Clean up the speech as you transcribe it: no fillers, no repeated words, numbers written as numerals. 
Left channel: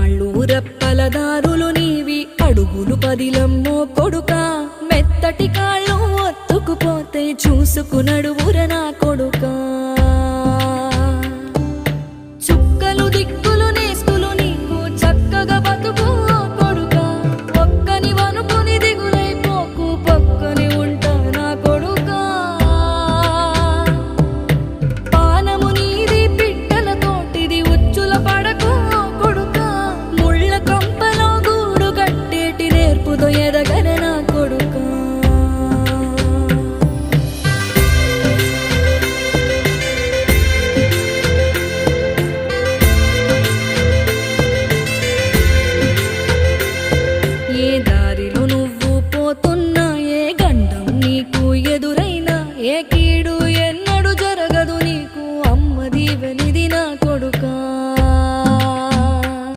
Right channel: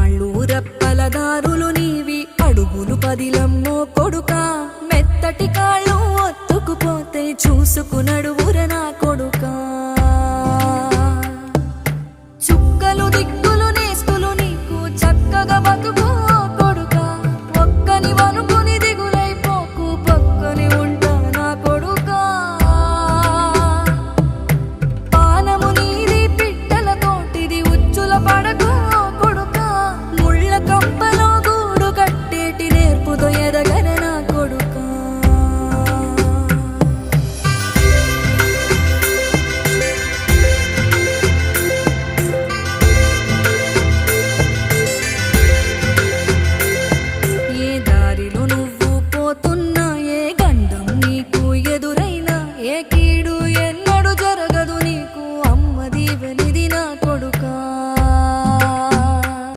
రాళ్ళు రెప్పలదారులు నీవి అడుగులు పదిలమ్మో కొడుకా మెత్తటి కాళ్ళు ఒత్తుకుపోతే చూసుకునడువుర నా కొడుకా చుక్కలు దిక్కులు నేస్తులు నీకు చక్కగా